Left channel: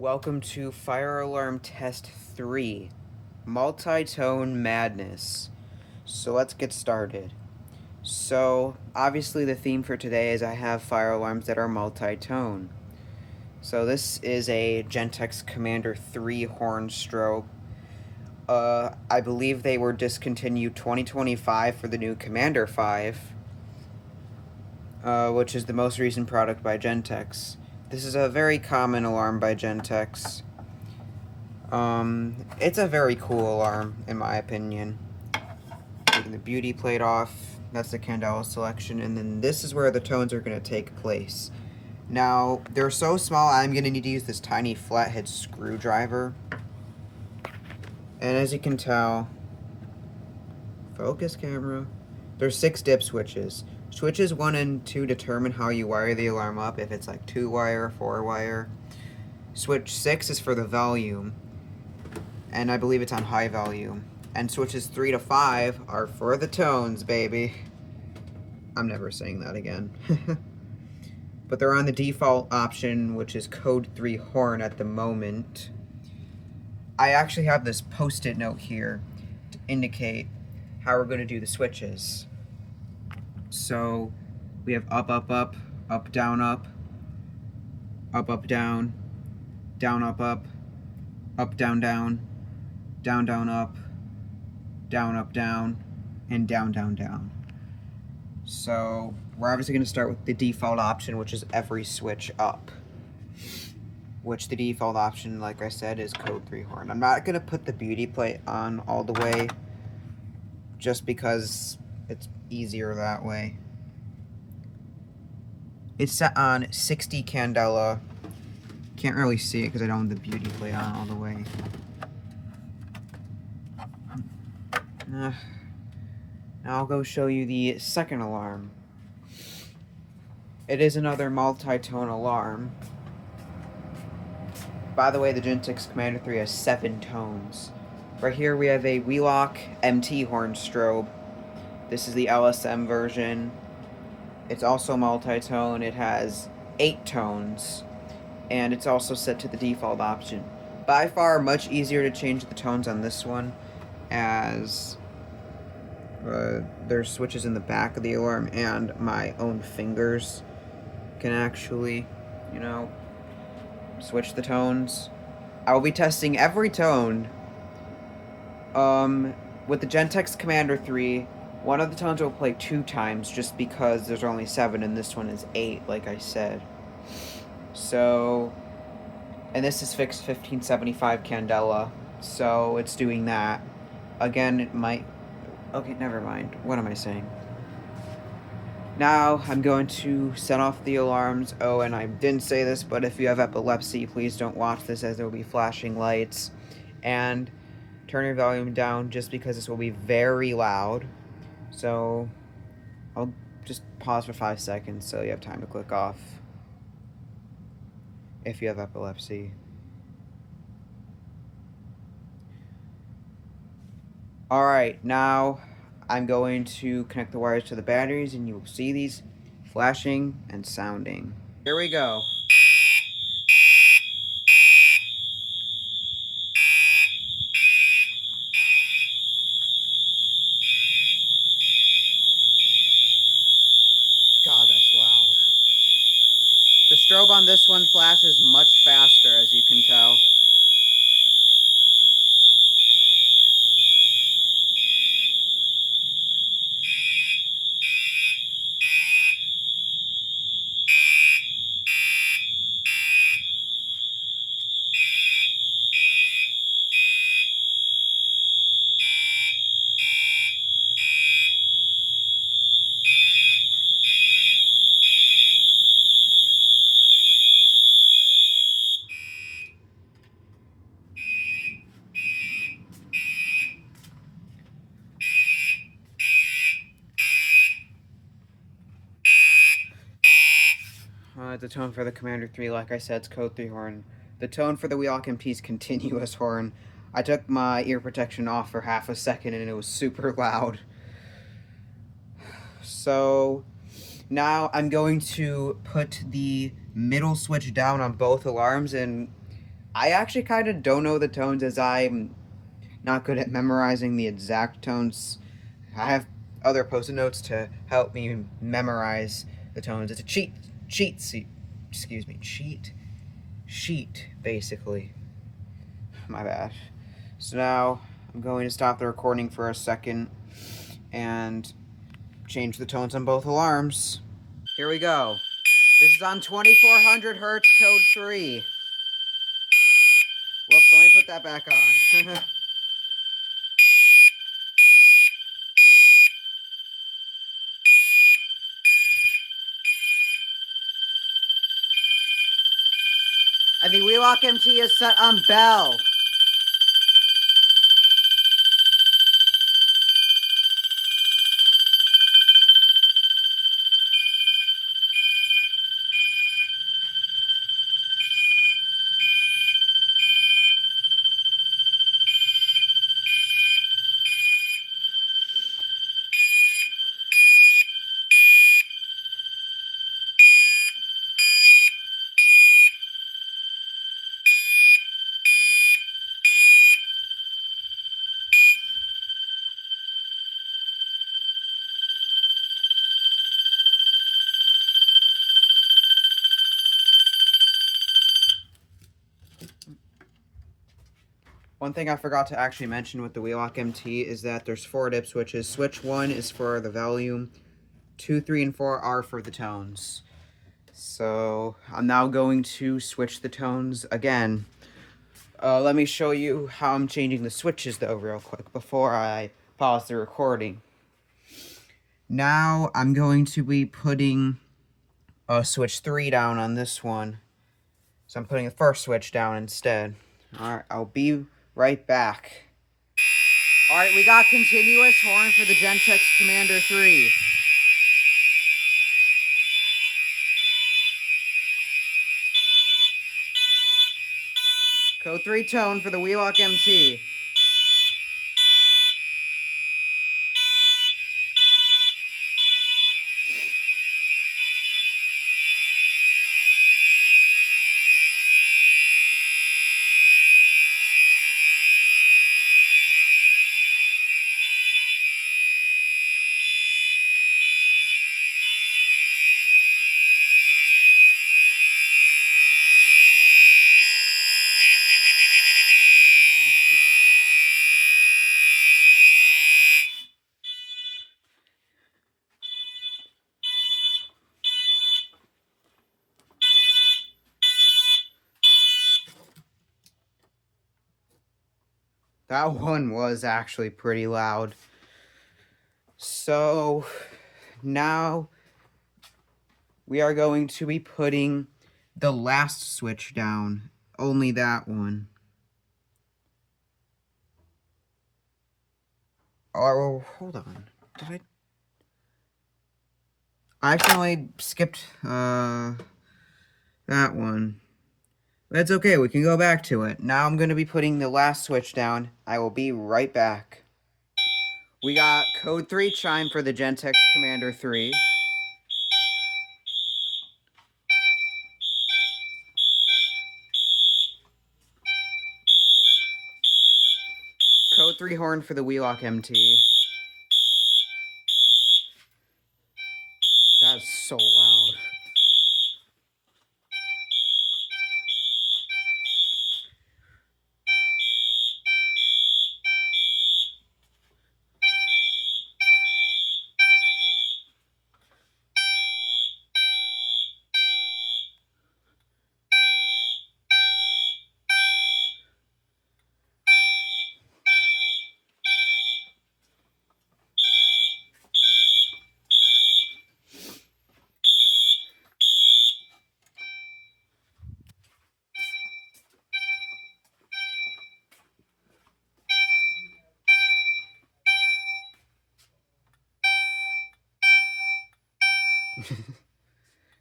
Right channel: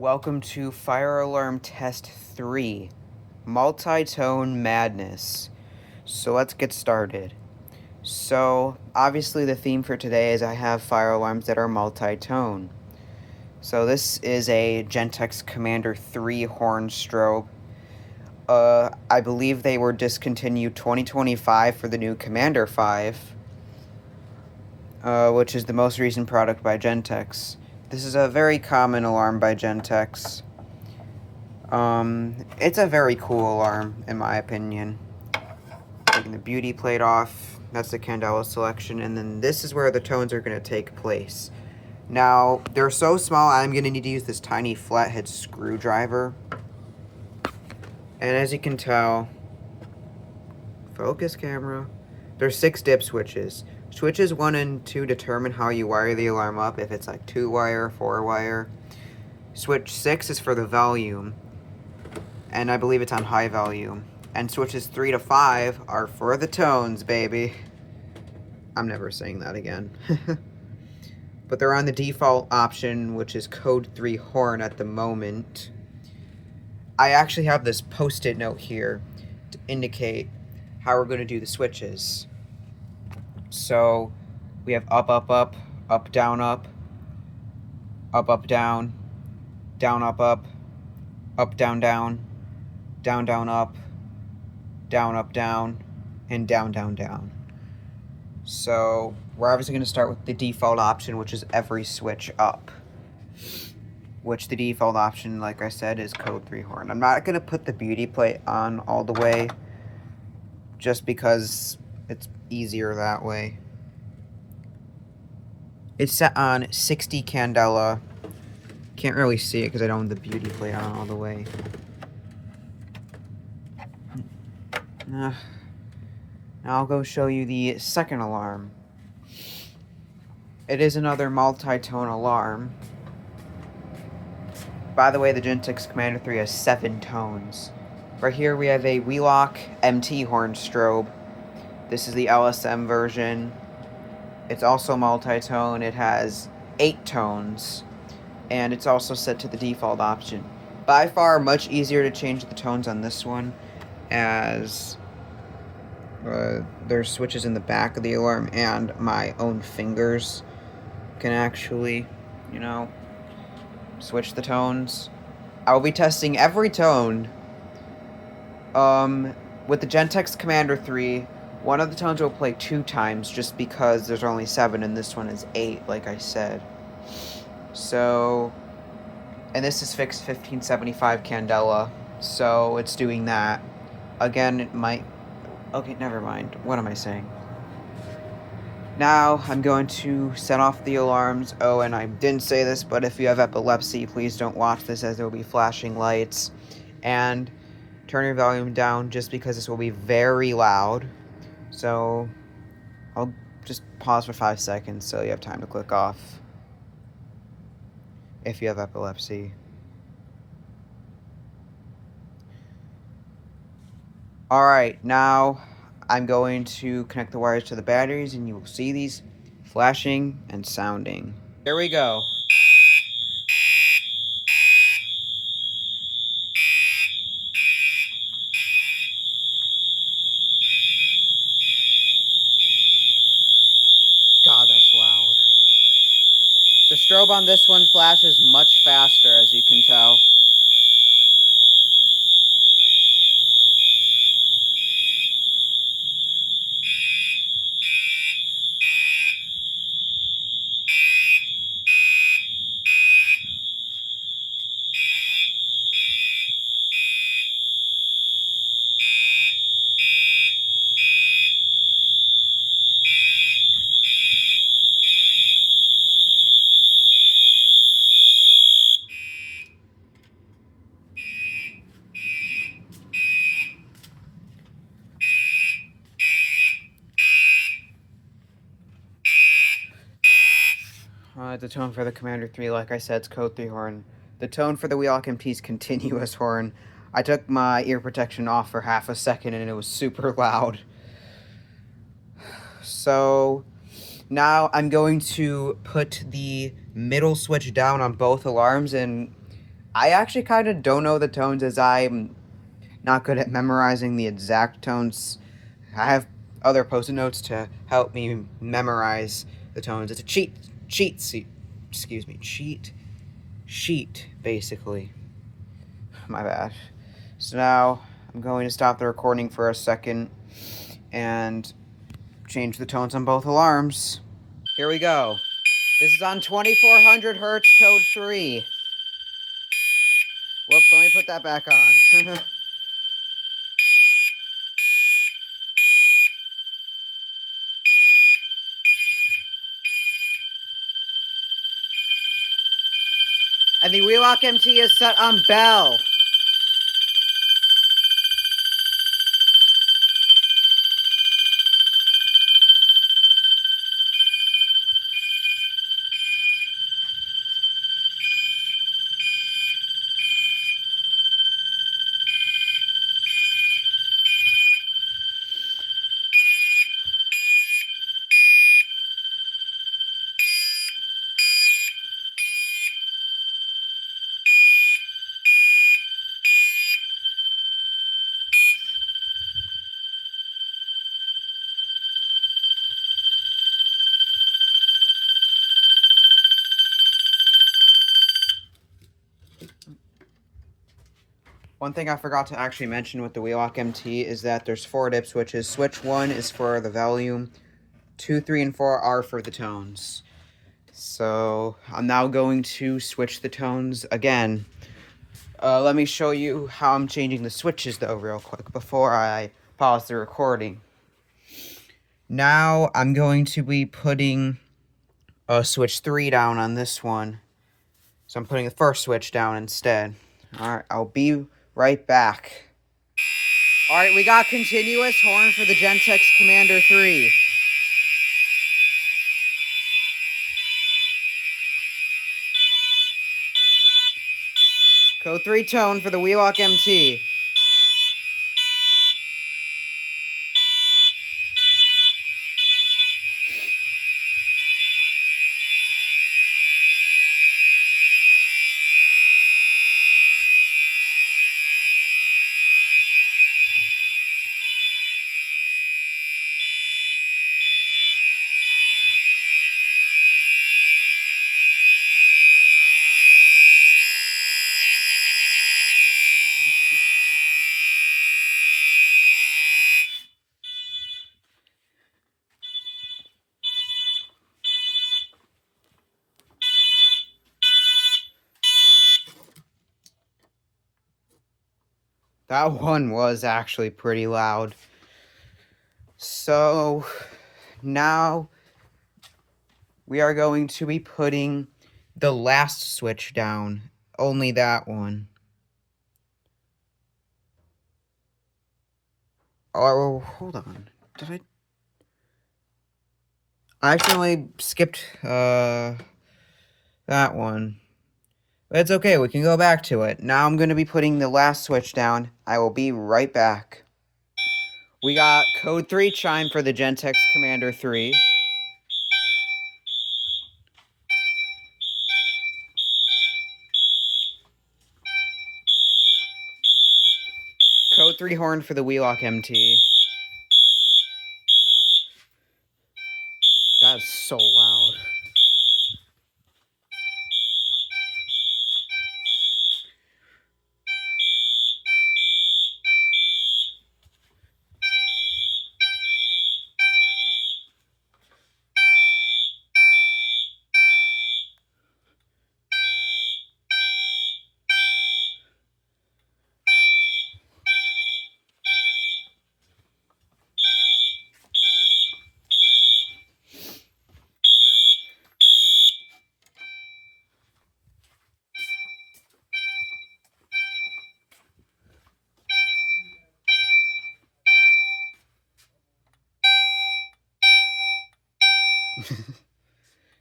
Welcome to Fire Alarm Test 3, Multitone Madness. So let's get started. So, obviously the theme for today is I have fire alarms that are multi-tone. So this is a Gentex Commander 3 horn strobe. I believe they were discontinued 2025 for the new Commander 5, which is the most recent product by Gentex. This is a very common alarm by Gentex. It's a very cool alarm, in my opinion. Taking the beauty plate off, that's the candela selection, and then this is where the tones are going to take place. Now, they're so small, I'm going to need to use this tiny flathead screwdriver. And as you can tell, focus camera, there's 6 dip switches. Switches 1 and 2 determine how you wire the alarm up, if it's like 2-wire, 4-wire. Switch 6 is for the volume, and I believe it's on high volume. And switches 3 to 5 are for the tones, baby. I'm never saying that again. But they're on the default option, which is code 3 horn at the moment. I actually have this post-it note here to indicate how we're going to do the switches. So we have up, up, up, up, down, up, up, up, down, down, up, up, up, down, down, down, down, up, down, and down, down, down. So we're obviously going to start with the default option, which is every switch up. Which the default option, like I said, is code 3 horn. I'm not going to put the beauty plate on all the way, just because it's easier that way. It's set on 60 candela. Can't really see it because I don't have the beauty plate on all the way. Now I'll go show you the second alarm. It is another multi-tone alarm. By the way, the Gentex Commander 3 has 7 tones. Right here we have a Wheelock MT horn strobe. This is the LSM version. It's also multi-tone. It has 8 tones. And it's also set to the default option. By far much easier to change the tones on this one, as there's switches in the back of the alarm, and my own fingers can actually, switch the tones. I will be testing every tone. With the Gentex Commander 3, one of the tones will play 2 times just because there's only 7 and this one is 8, like I said. So, and this is fixed 1575 candela, so it's doing that. Again, it might... Okay, never mind. What am I saying? Now, I'm going to set off the alarms. Oh, and I didn't say this, but if you have epilepsy, please don't watch this, as there will be flashing lights. And turn your volume down, just because this will be very loud. So, I'll just pause for 5 seconds so you have time to click off, if you have epilepsy. Alright, now I'm going to connect the wires to the batteries, and you will see these flashing and sounding. Here we go. God, that's loud. The strobe on this one flashes much faster, as you can tell. The tone for the Commander 3, like I said, is code 3 horn. The tone for the Wheelock MT is continuous horn. I took my ear protection off for half a second and it was super loud. So now I'm going to put the middle switch down on both alarms, and I actually kind of don't know the tones as I'm not good at memorizing the exact tones. I have other post-it notes to help me memorize the tones. It's a cheat sheet, basically. My bad. So now I'm going to stop the recording for a second and change the tones on both alarms. Here we go. This is on 2400 hertz, code 3. Whoops, let me put that back on. And the Wheelock MT is set on bell. One thing I forgot to actually mention with the Wheelock MT is that there's 4 dip switches. Switch 1 is for the volume, 2, 3, and 4 are for the tones. So I'm now going to switch the tones again. Let me show you how I'm changing the switches though real quick before I pause the recording. Now I'm going to be putting switch 3 down on this one. So I'm putting the first switch down instead. Alright, I'll be right back. Alright, we got continuous horn for the Gentex Commander 3. Code 3 tone for the Wheelock MT. That one was actually pretty loud. So now we are going to be putting the last switch down. Only that one. Oh, hold on. Did I accidentally skipped that one. That's okay, we can go back to it. Now I'm going to be putting the last switch down. I will be right back. We got code 3 chime for the Gentex Commander 3. Code 3 horn for the Wheelock MT. That's so loud.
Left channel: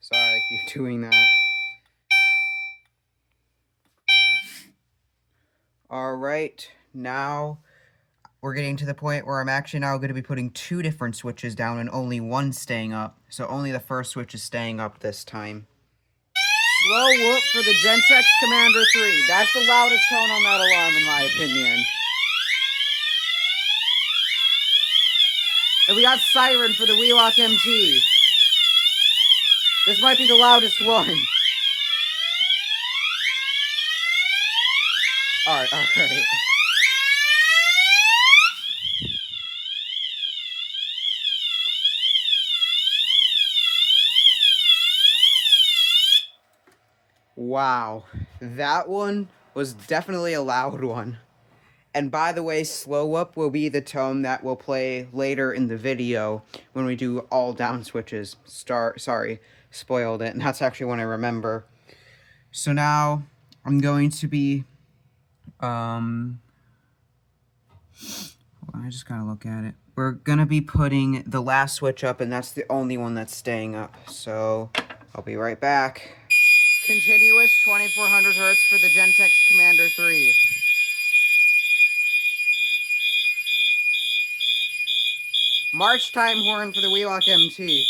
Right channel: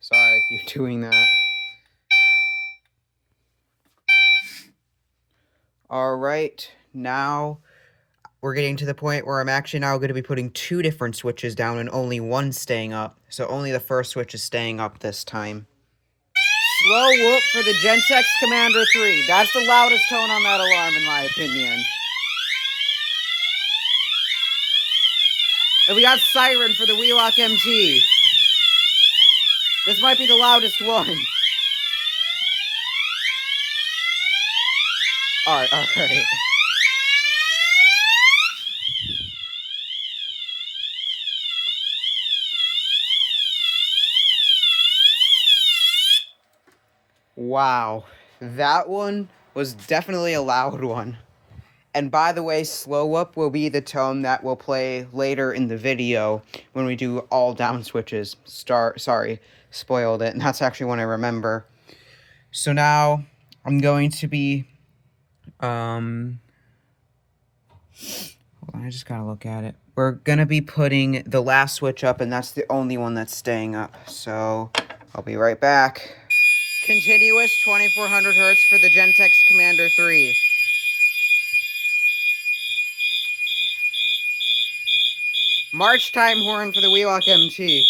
Sorry, I keep doing that. Alright, now we're getting to the point where I'm actually now going to be putting 2 different switches down and only one staying up. So only the first switch is staying up this time. Slow whoop for the Gentex Commander 3. That's the loudest tone on that alarm, in my opinion. And we got Siren for the Wheelock MT. This might be the loudest one. Alright. Wow. That one was definitely a loud one. And by the way, slow up will be the tone that will play later in the video when we do all down switches. Sorry, spoiled it. And that's actually when I remember. So now I'm going to be hold on, I just gotta look at it. We're gonna be putting the last switch up, and that's the only one that's staying up. So I'll be right back. Continuous 2400 hertz for the Gentex Commander 3. March time horn for the Wheelock MT.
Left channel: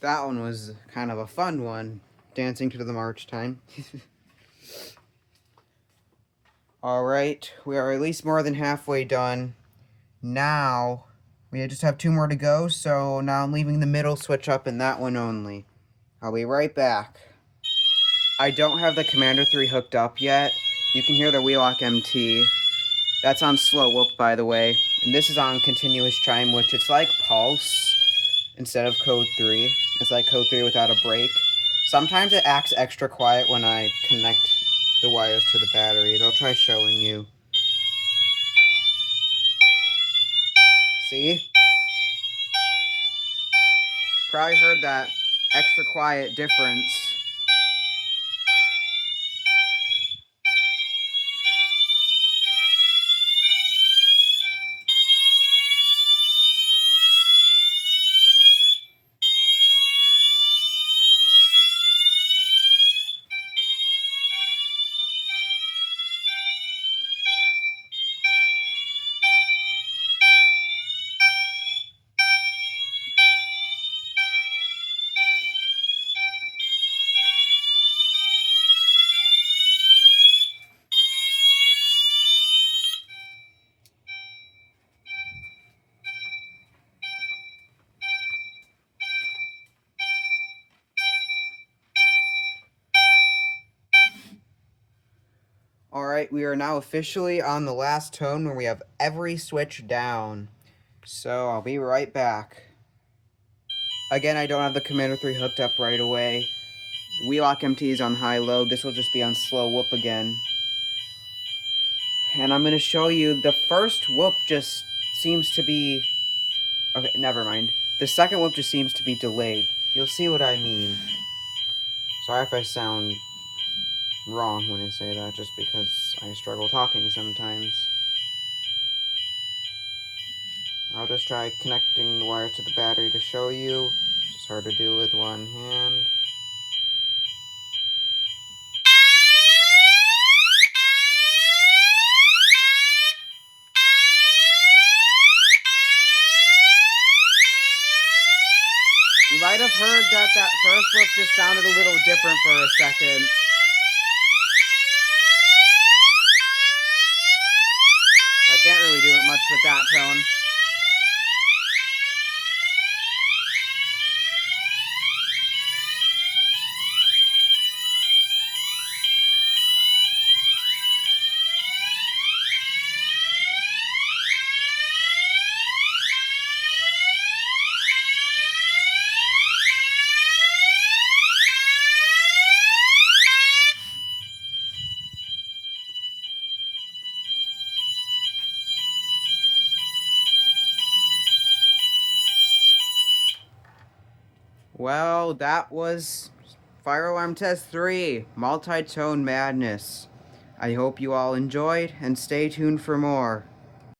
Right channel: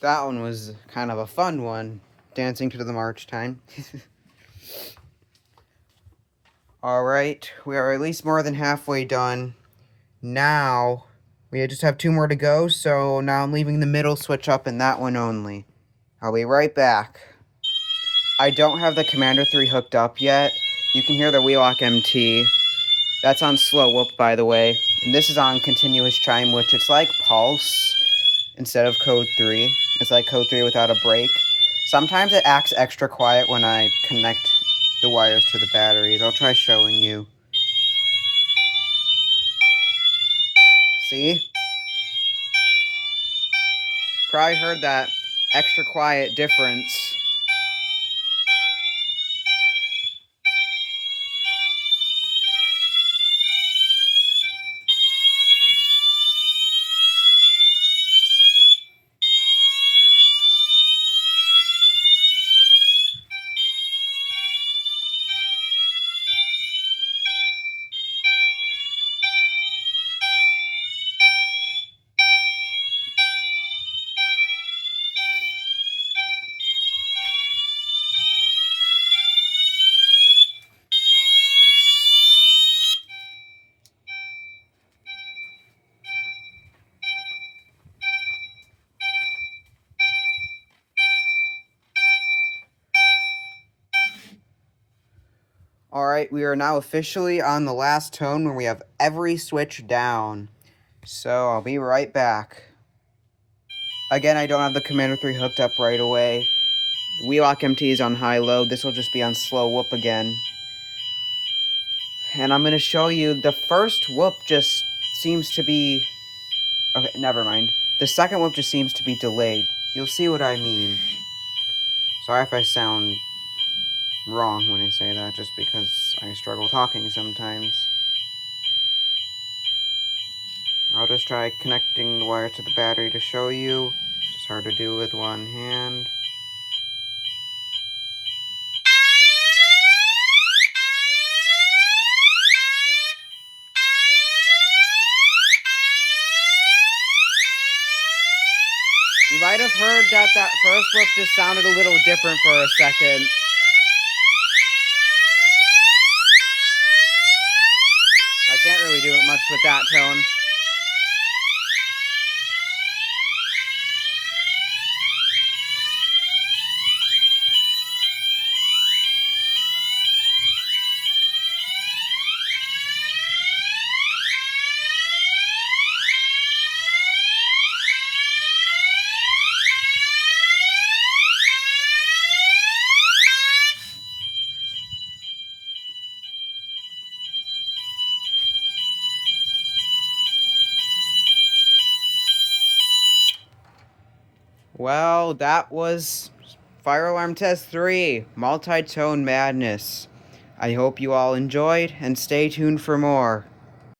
That one was kind of a fun one, dancing to the march time. Alright, we are at least more than halfway done. Now, we just have 2 more to go, so now I'm leaving the middle switch up and that one only. I'll be right back. I don't have the Commander 3 hooked up yet. You can hear the Wheelock MT. That's on slow whoop, by the way. And this is on continuous chime, which it's like pulse instead of code 3. It's like code 3 without a break. Sometimes it acts extra quiet when I connect the wires to the batteries. I'll try showing you. See? Probably heard that extra quiet difference. Alright, we are now officially on the last tone where we have every switch down. So I'll be right back. Again, I don't have the Commander 3 hooked up right away. The Wheelock MT is on high load. This will just be on slow whoop again. And I'm going to show you the first whoop just seems to be... Okay, never mind. The second whoop just seems to be delayed. You'll see what I mean. Sorry if I sound wrong when I say that, just because I struggle talking sometimes. I'll just try connecting the wire to the battery to show you. It's hard to do with one hand. You might have heard that first whoop just sounded a little different for a second. I can't really do it much with that tone. Well, that was Fire Alarm Test 3, Multitone Madness. I hope you all enjoyed, and stay tuned for more.